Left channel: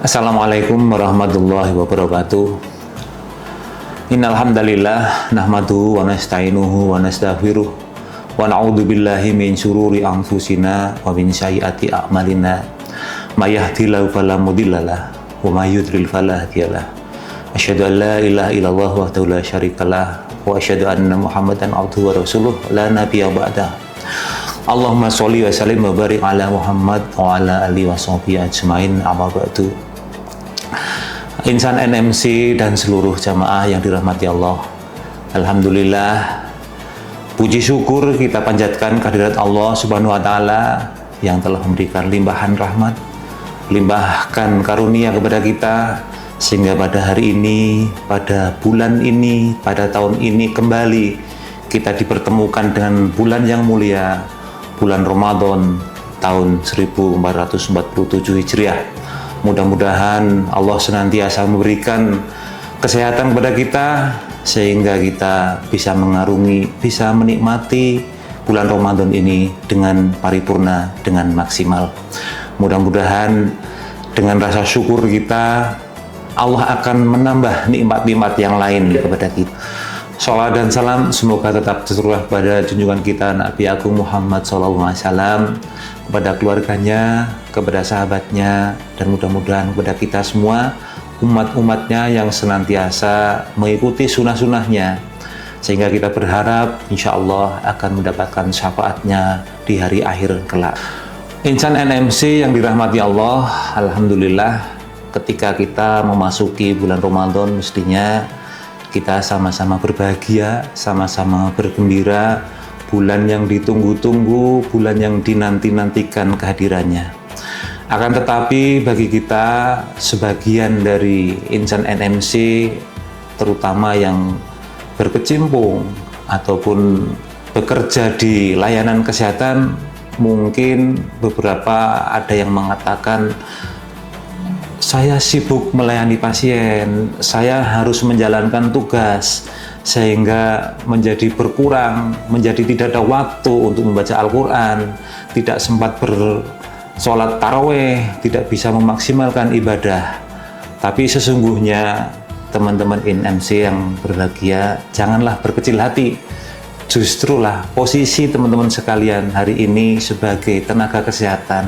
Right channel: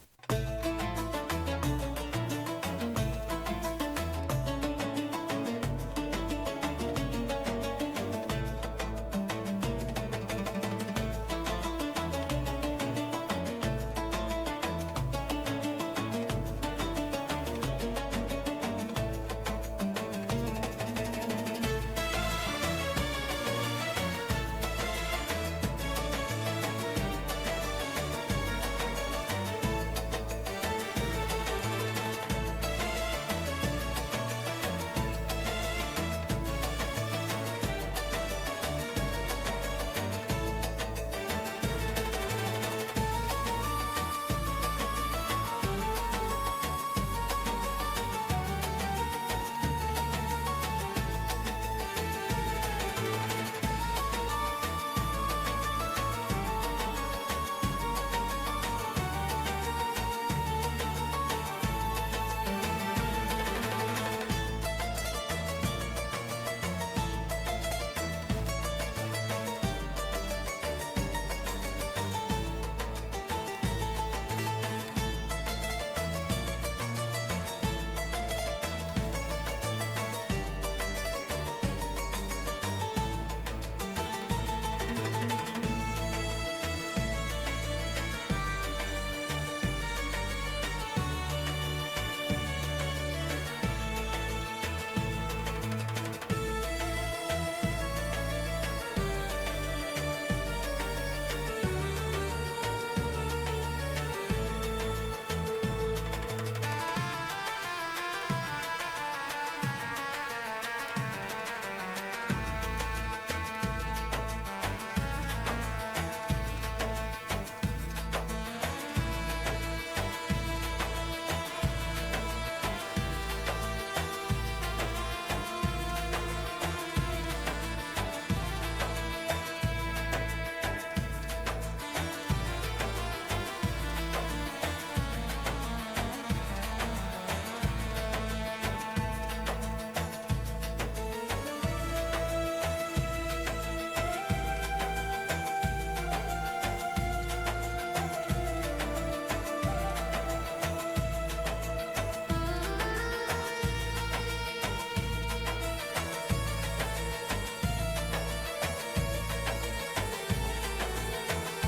Assalamualaikum warahmatullahi wabarakatuh. Innal hamdalillah nahmaduhu wa nasta'inuhu wa nastaghfiruh wa na'udzu billahi min syururi anfusina wa min sayyiati a'malina. May yahdihillahu fala mudhillalah wa may yudlil fala hadiyalah. Asyhadu an la ilaha illallah wahdahu la syarikalah wa asyhadu anna Muhammadan abduhu wa rasuluh la nabiyya ba'dah. Allahumma sholli wa sallim wa barik ala Muhammad wa ala alihi wa sahbihi ajmain, amma ba'du. Insan NMC dan seluruh jamaah yang dirahmati Allah, alhamdulillah, puji syukur kita panjatkan kehadirat Allah Subhanahu wa taala yang telah memberikan limpahan rahmat, limpahkan karunia kepada kita, sehingga pada hari ini, pada bulan ini, pada tahun ini kembali kita dipertemukan dengan bulan yang mulia, bulan Ramadan tahun 1447 Hijriah. Mudah-mudahan Allah senantiasa memberikan kesehatan kepada kita sehingga kita bisa mengarungi, bisa menikmati bulan Ramadan ini dengan paripurna, dengan maksimal. Mudah-mudahan dengan rasa syukur kita, Allah akan menambah nikmat-nikmat yang lain kepada kita. Sholawat dan salam semoga tetap tercurah pada junjungan kita Nabi Agung Muhammad SAW, kepada keluarganya, kepada sahabatnya, dan mudah-mudahan kepada kita semua, umat-umatnya yang senantiasa mengikuti sunnah-sunnahnya, sehingga kita berharap insya Allah akan mendapatkan syafaatnya di hari akhir kelak. Insan NMC yang dirahmati Allah, alhamdulillah, ketika kita memasuki bulan Ramadan mestinya kita sama-sama berbahagia, sama-sama bergembira, bulan yang ditunggu-tunggu, bulan yang dinanti-nantikan kehadirannya. Akan tetapi bagi kita sebagian dari insan NMC, terutama yang berkecimpung ataupun bekerja di layanan kesehatan, mungkin beberapa ada yang mengatakan, saya sibuk melayani pasien, saya harus menjalankan tugas, sehingga menjadi berkurang, menjadi tidak ada waktu untuk membaca Al-Quran, tidak sempat bersolat taraweh, tidak bisa memaksimalkan ibadah. Tapi sesungguhnya teman-teman NMC yang berbahagia, janganlah berkecil hati. Justrulah posisi teman-teman sekalian hari ini sebagai tenaga kesehatan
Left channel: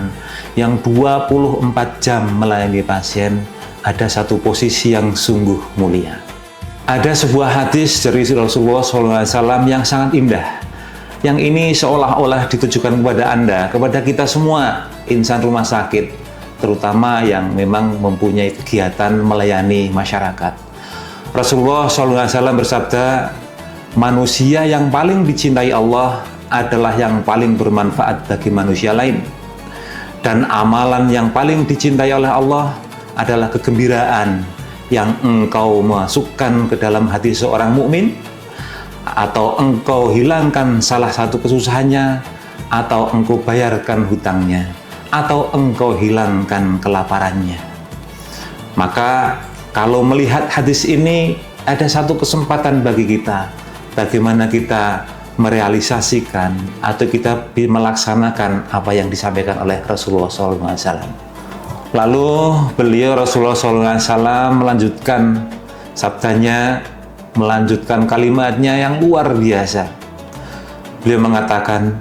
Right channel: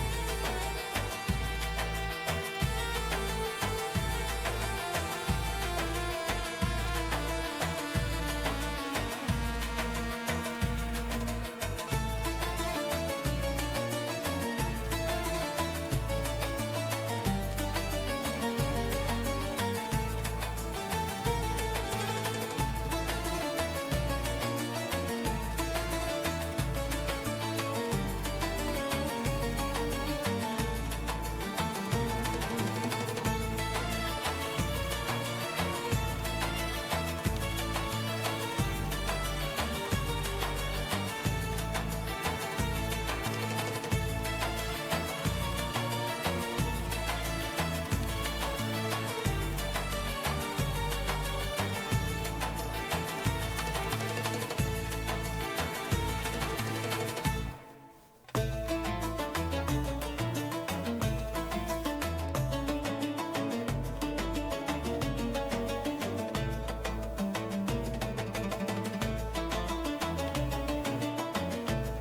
yang 24 jam melayani pasien, ada satu posisi yang sungguh mulia. Ada sebuah hadis dari Rasulullah SAW yang sangat indah. Yang ini seolah-olah ditujukan kepada Anda, kepada kita semua, insan rumah sakit, terutama yang memang mempunyai kegiatan melayani masyarakat. Rasulullah SAW bersabda, manusia yang paling dicintai Allah adalah yang paling bermanfaat bagi manusia lain. Dan amalan yang paling dicintai oleh Allah adalah kegembiraan yang engkau masukkan ke dalam hati seorang mukmin, atau engkau hilangkan salah satu kesusahannya, atau engkau bayarkan hutangnya, atau engkau hilangkan kelaparannya. Maka kalau melihat hadis ini, ada satu kesempatan bagi kita, bagaimana kita merealisasikan atau kita melaksanakan apa yang disampaikan oleh Rasulullah SAW. Lalu beliau Rasulullah SAW melanjutkan sabdanya, melanjutkan kalimatnya yang luar biasa. Beliau mengatakan,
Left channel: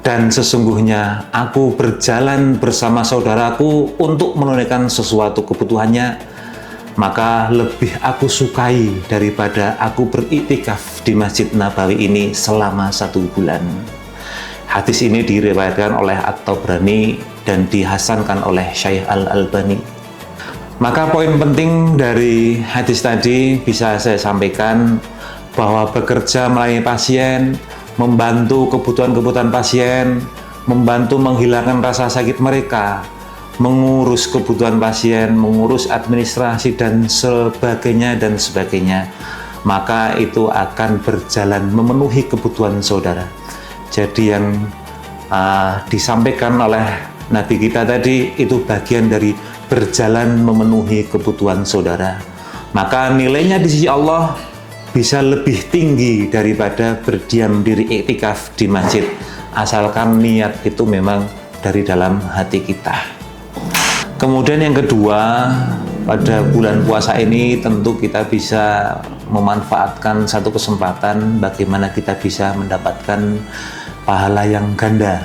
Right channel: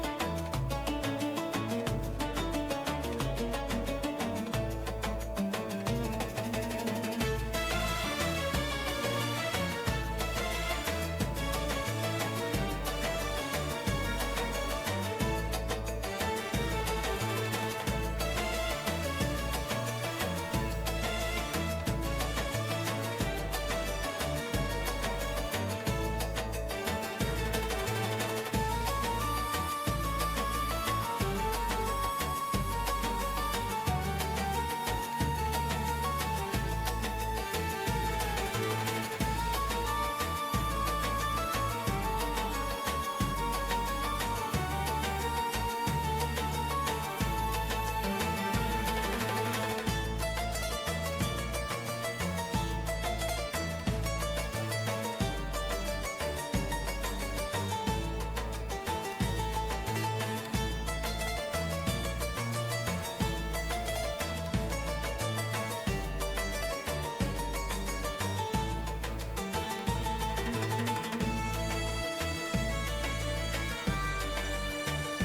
dan sesungguhnya aku berjalan bersama saudaraku untuk menunaikan sesuatu kebutuhannya, maka lebih aku sukai daripada aku beriktikaf di Masjid Nabawi ini selama 1 bulan. Hadis ini diriwayatkan oleh At-Tabrani dan dihasankan oleh Syekh Al-Albani. Maka poin penting dari hadis tadi bisa saya sampaikan bahwa bekerja melayani pasien, membantu kebutuhan-kebutuhan pasien, membantu menghilangkan rasa sakit mereka, mengurus kebutuhan pasien, mengurus administrasi dan sebagainya, maka itu akan berjalan memenuhi kebutuhan saudara. Jadi yang disampaikan oleh Nabi kita tadi itu bagian dari berjalan memenuhi kebutuhan saudara. Maka nilainya di sisi Allah bisa lebih tinggi daripada berdiam diri iktikaf di masjid, asalkan niat itu memang dari dalam hati kita. Kemudian yang kedua, pada bulan puasa ini tentu kita bisa memanfaatkan satu kesempatan bagaimana kita bisa mendapatkan pahala yang ganda,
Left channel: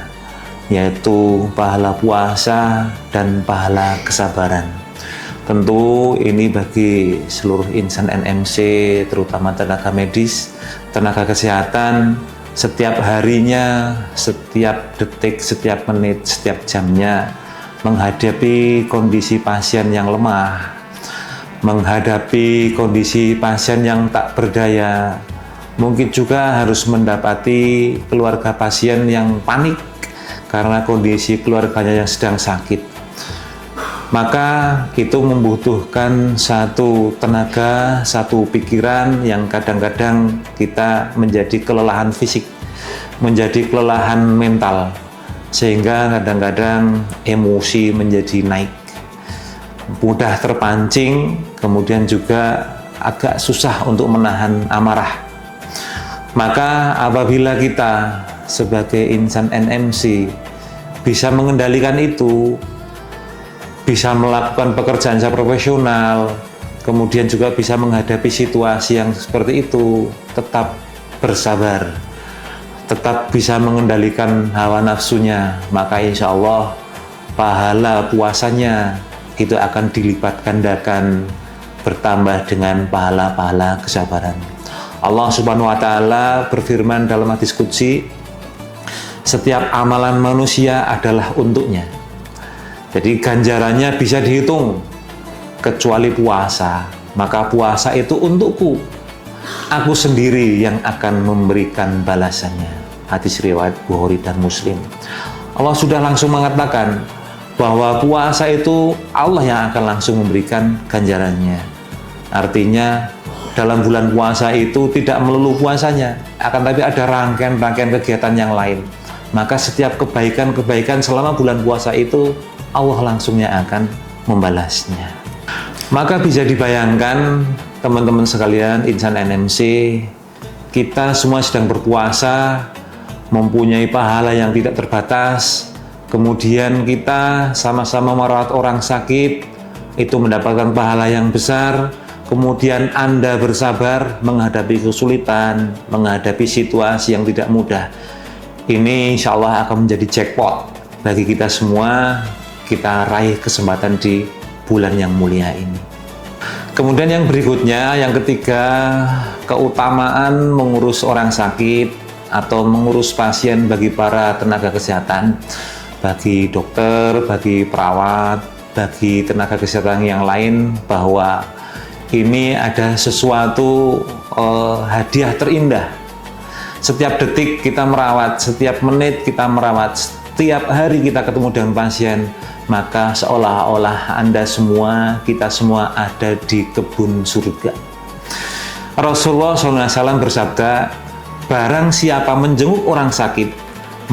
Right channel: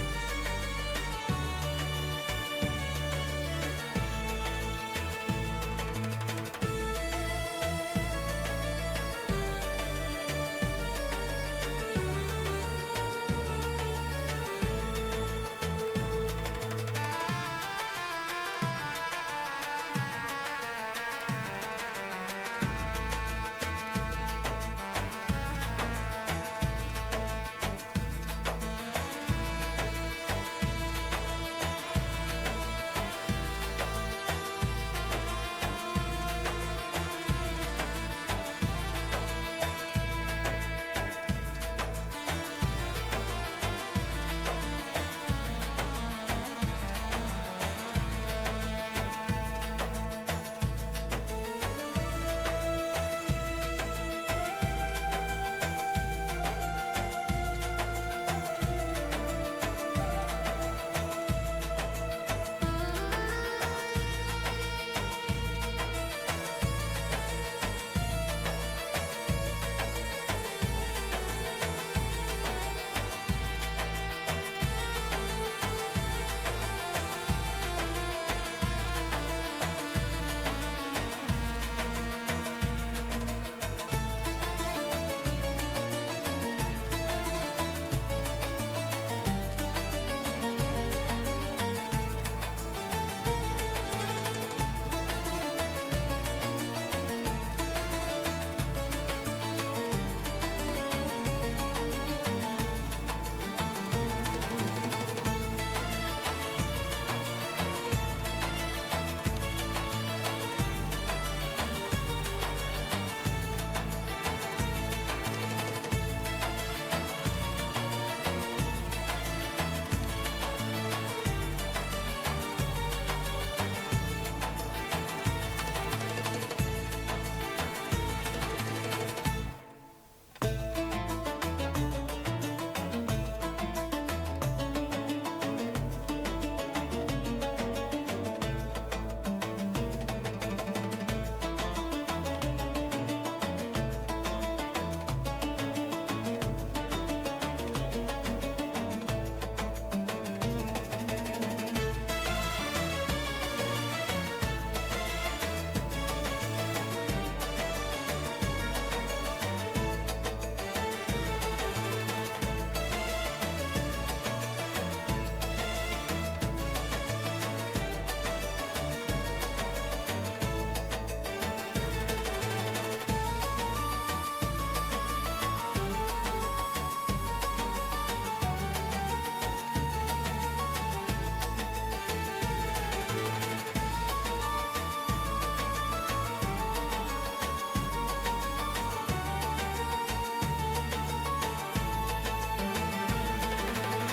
yaitu pahala puasa dan pahala kesabaran. Tentu ini bagi seluruh insan NMC, terutama tenaga medis, tenaga kesehatan, setiap harinya, setiap detik, setiap menit, setiap jamnya menghadapi kondisi pasien yang lemah, menghadapi kondisi pasien yang tak berdaya, mungkin juga harus mendapati keluarga pasien yang panik karena kondisi keluarganya yang sedang sakit. Maka itu membutuhkan satu tenaga, satu pikiran yang kadang-kadang kita menjadi kelelahan fisik, menjadi kelelahan mental, sehingga kadang-kadang emosi menjadi naik, mudah terpancing, kemudian juga agak susah untuk menahan amarah. Maka apabila kita sebagai insan NMC bisa mengendalikan itu, bisa melakukan pekerjaan secara profesional, kemudian juga bisa menghadapi situasi yang seperti itu, tetap bersabar, tetap bisa mengendalikan hawa nafsunya, maka insya Allah pahala puasanya itu akan dilipat gandakan bertambah dengan pahala-pahala kesabaran. Allah Subhanahu wa Ta'ala berfirman dalam hadis qudsi, setiap amalan manusia adalah untuknya. Jadi ganjarannya bisa dihitung, kecuali puasa. Maka puasa itu untukku, aku sendiri yang akan memberikan balasannya. Hadis riwayat Bukhari dan Muslim. Allah sudah langsung mengatakan bahwa puasa itu Allah yang akan langsung memberikan ganjarannya. Artinya dalam bulan puasa itu tidak melulu puasanya, akan tapi ada rangkaian-rangkaian kegiatan yang lain. Maka setiap kebaikan-kebaikan selama bulan puasa itu Allah langsungnya akan membalasnya. Maka bisa dibayangkan teman-teman sekalian insan NMC, kita semua sedang berpuasa, mempunyai pahala yang tidak terbatas, kemudian kita sama-sama merawat orang sakit, itu mendapatkan pahala yang besar, kemudian Anda bersabar menghadapi kesulitan, menghadapi situasi yang tidak mudah. Ini insya Allah akan menjadi jackpot bagi kita semua, kita raih kesempatan di bulan yang mulia ini. Kemudian yang berikutnya, yang ketiga, keutamaan mengurus orang sakit atau mengurus pasien bagi para tenaga kesehatan, bagi dokter, bagi perawat, bagi tenaga kesehatan yang lain, bahwa ini ada sesuatu hadiah terindah. Setiap detik kita merawat, setiap menit kita merawat, setiap hari kita ketemu dengan pasien, maka seolah-olah Anda semua, kita semua ada di kebun surga. Rasulullah SAW bersabda, barang siapa menjenguk orang sakit,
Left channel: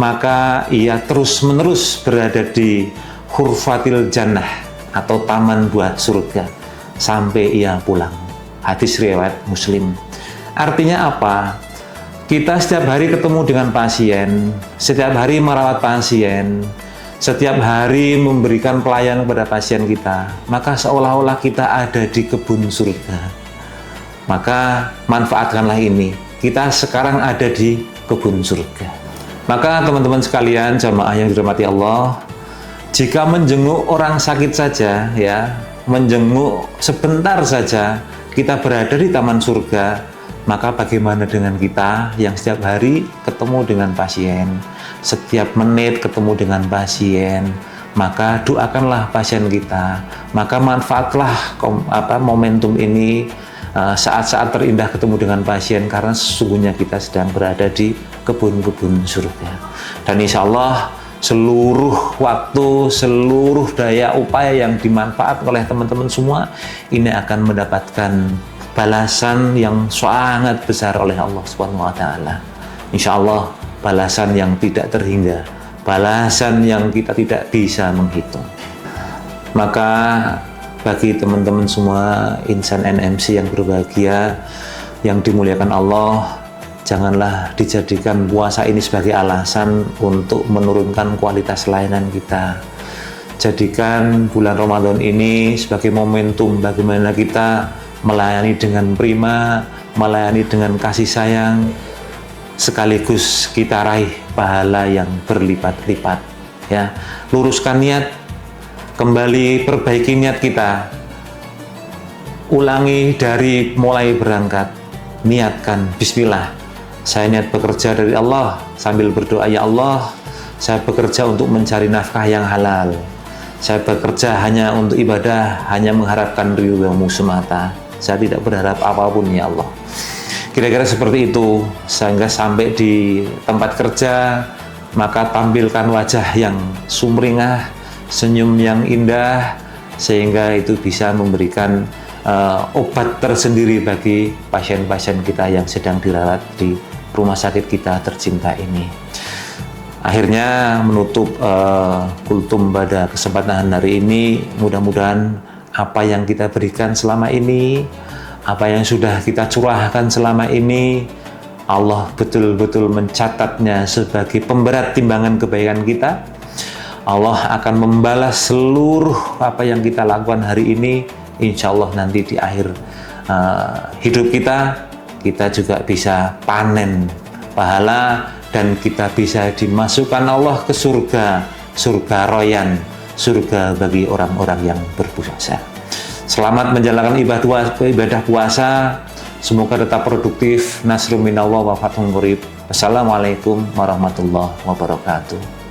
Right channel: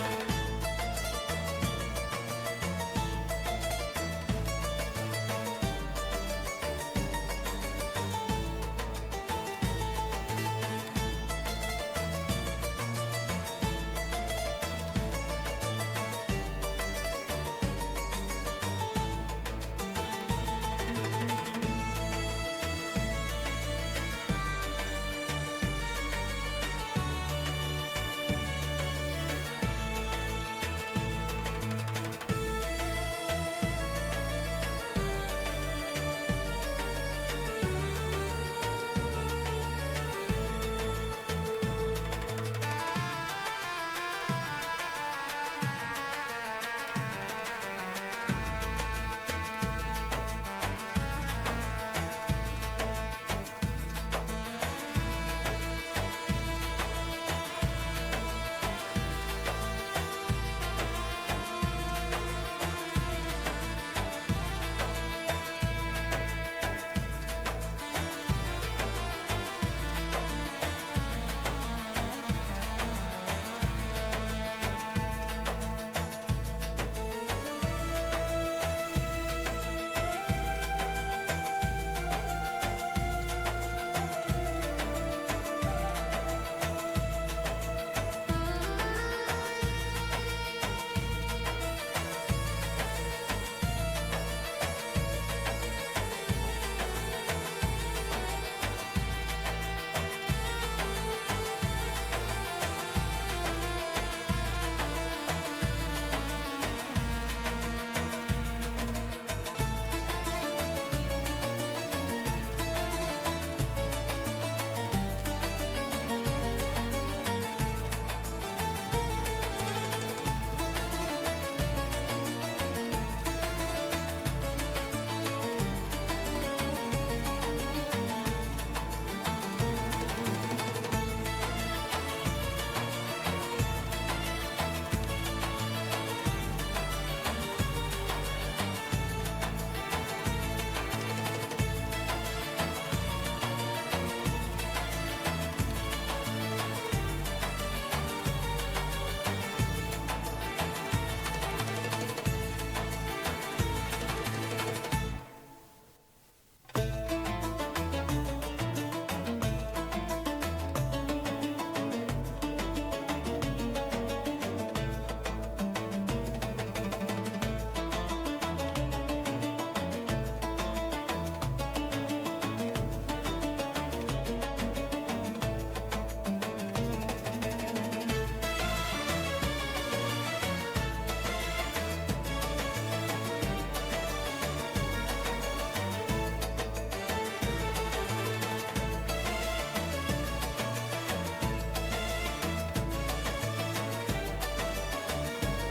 maka ia terus-menerus berada di hurfatil jannah atau taman buah surga sampai ia pulang. Hadis riwayat Muslim. Artinya apa? Kita setiap hari ketemu dengan pasien, setiap hari merawat pasien, setiap hari memberikan pelayanan kepada pasien kita, maka seolah-olah kita ada di kebun surga. Maka manfaatkanlah ini. Kita sekarang ada di kebun surga. Maka teman-teman sekalian, jamaah yang dirahmati Allah, jika menjenguk orang sakit saja, ya, menjenguk sebentar saja, kita berada di taman surga. Maka bagaimana dengan kita yang setiap hari ketemu dengan pasien, setiap menit ketemu dengan pasien, maka doakanlah pasien kita, maka manfaatlah momentum ini, saat-saat terindah ketemu dengan pasien, karena sesungguhnya kita sedang berada di kebun-kebun surga. Dan insya Allah seluruh waktu, seluruh daya upaya yang dimanfaatkan oleh teman-teman semua, ini akan mendapatkan balasan yang sangat besar oleh Allah Subhanahu wa Ta'ala. Insya Allah balasan yang tidak terhingga, balasan yang kita tidak bisa menghitung. Maka bagi teman-teman semua insan NMC yang berbahagia, yang dimuliakan Allah, janganlah dijadikan puasa ini sebagai alasan untuk menurunkan kualitas layanan kita. Jadikan bulan Ramadan ini sebagai momentum bagaimana kita melayani dengan prima, melayani dengan kasih sayang, sekaligus kita raih pahala yang berlipat-lipat. Ya, luruskan niat, kembali perbaiki niat kita, ulangi dari mulai berangkat, niatkan Bismillah, saya niat bekerja dari Allah, sambil berdoa, ya Allah, saya bekerja untuk mencari nafkah yang halal, saya bekerja hanya untuk ibadah, hanya mengharapkan ridho-Mu semata, saya tidak berharap apapun ya Allah. Kira-kira seperti itu, sehingga sampai di tempat kerja, maka tampilkan wajah yang sumringah, senyum yang indah, sehingga itu bisa memberikan obat tersendiri bagi pasien-pasien kita yang sedang dirawat di rumah sakit kita tercinta ini. Akhirnya menutup kultum pada kesempatan hari ini, mudah-mudahan apa yang kita berikan selama ini, apa yang sudah kita curahkan selama ini, Allah betul-betul mencatatnya sebagai pemberat timbangan kebaikan kita. Allah akan membalas seluruh apa yang kita lakukan hari ini. Insya Allah nanti di akhir hidup kita juga bisa panen pahala dan kita bisa dimasukkan Allah ke surga, surga royan, surga bagi orang-orang yang berpuasa. Selamat menjalankan ibadah puasa. Semoga tetap produktif. Nasrun minallah wa fathun qarib. Assalamualaikum warahmatullahi wabarakatuh.